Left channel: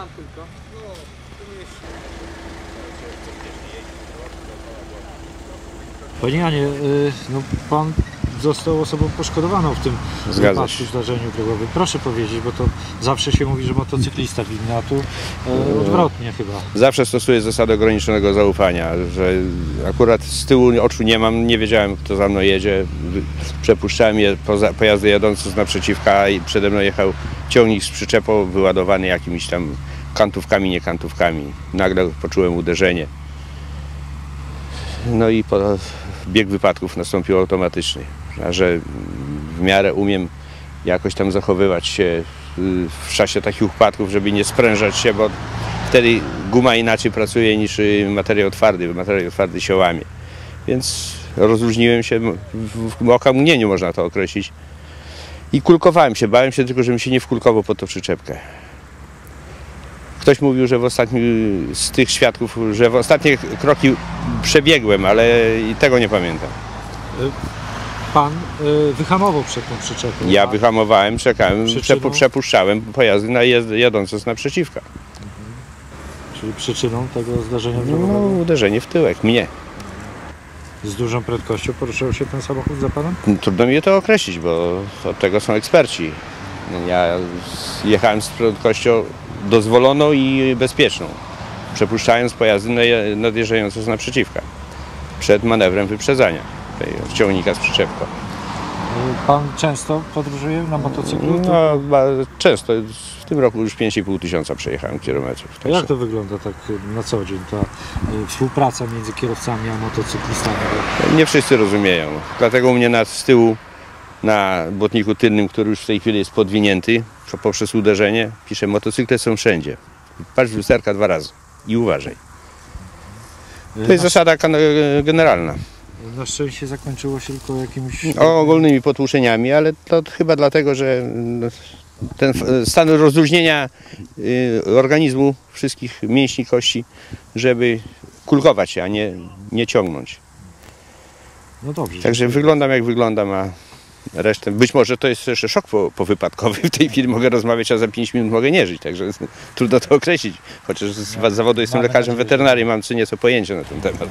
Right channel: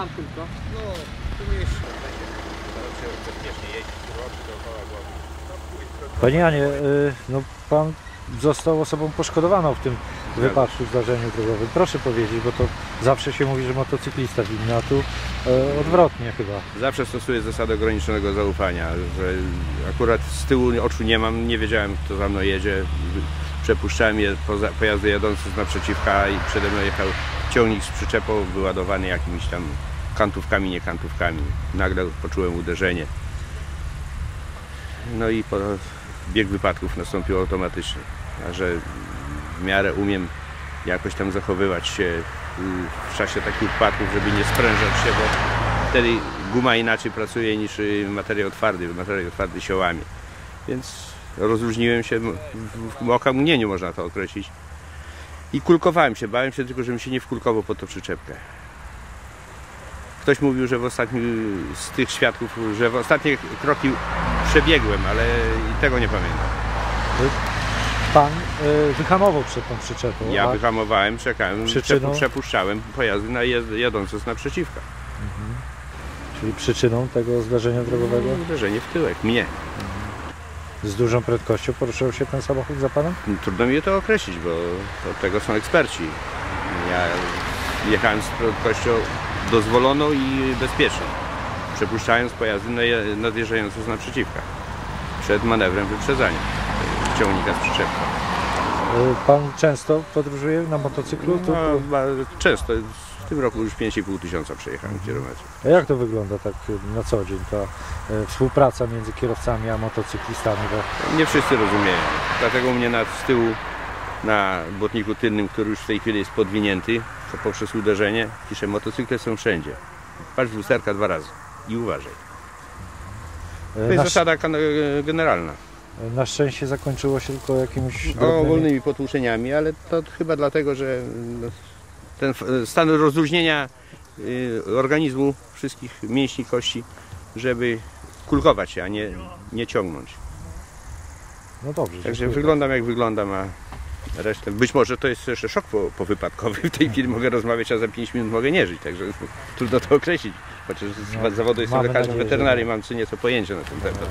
Tam tylko. No, tu mieście. Panie Janie, y, no pan został osobą poszkodowaną w tym Zgadza wypadku, się. zdarzeniu drogowym. Proszę powiedzieć, bo to zawsze się mówi, że motocyklista winny, a tu y, odwrotnie chyba. Zawsze stosuję zasadę ograniczonego zaufania, że akurat z tyłu oczu nie mam, nie wiedziałem kto za mną jedzie. Przepuszczałem je poza, pojazdy jadące z naprzeciwka i przede mną jechał ciągnik z przyczepą wyładowany jakimiś tam kantówkami, nie kantówkami. Nagle poczułem uderzenie. No i po, bieg wypadków nastąpił automatycznie. A że w miarę umiem jakoś tam zachowywać się y, w czasie takich wypadków, żeby nie sprężać się, bo wtedy guma inaczej pracuje niż y, materiał twardy, materiał twardy się łamie. Więc rozluźniłem się, w, okamgnieniu można to określić. I kulkowałem się, bałem się tylko, żebym się nie wkulkował pod tą przyczepkę. Ktoś mówił, że w ostatnim z tych świadków, że w ostatnie kroki przebiegłem, ale i tego nie pamiętam. Pan y, wyhamował przed tą przyczepą. Ja a- wyhamowałem, czekałem, przepu, przepuszczałem pojazdy na jadące z naprzeciwka. Czyli przyczyną tego zdarzenia No, drogowego uderzenie w tyłek, mnie. z dużą prędkością poruszył się ten samochód za panem? Trudno mi to określić, bo od tego są eksperci. Ja jechałem z prędkością dozwoloną i bezpieczną, przepuszczając pojazdy nadjeżdżające z naprzeciwka przed manewrem wyprzedzania ciągnika z przyczepką. Pan często podróżuje na motocyklu? No, często, w tym roku już 5,5 tysiąca przejechałem kilometrów. A jak to wygląda tak y, na co dzień, ta y, współpraca między kierowcami a motocyklistami? Nie wszyscy rozumieją. Dlatego u mnie na, z tyłu na błotniku tylnym, który już w tej chwili jest podwinięty poprzez uderzenie, pisze motocykle są wszędzie. Patrz w lusterka dwa razy i uważaj. To jest zasada kan- generalna. Na szczęście zakończyło się tylko jakimiś... O ogólnymi potłuczeniami, ale to chyba dlatego, że no, ten f- stan rozluźnienia y, organizmu, wszystkich mięśni, kości, żeby kulkować się, a nie, nie ciągnąć. No dobrze. Także dziękuję. wyglądam jak wyglądam, a resztę. Być może to jest jeszcze szok po, powypadkowy. W tej chwili mogę rozmawiać, a za 5 minut mogę nie żyć. Także trudno to określić. Chociaż z zawodu jestem lekarzem weterynarii, mam co nieco pojęcie na ten temat.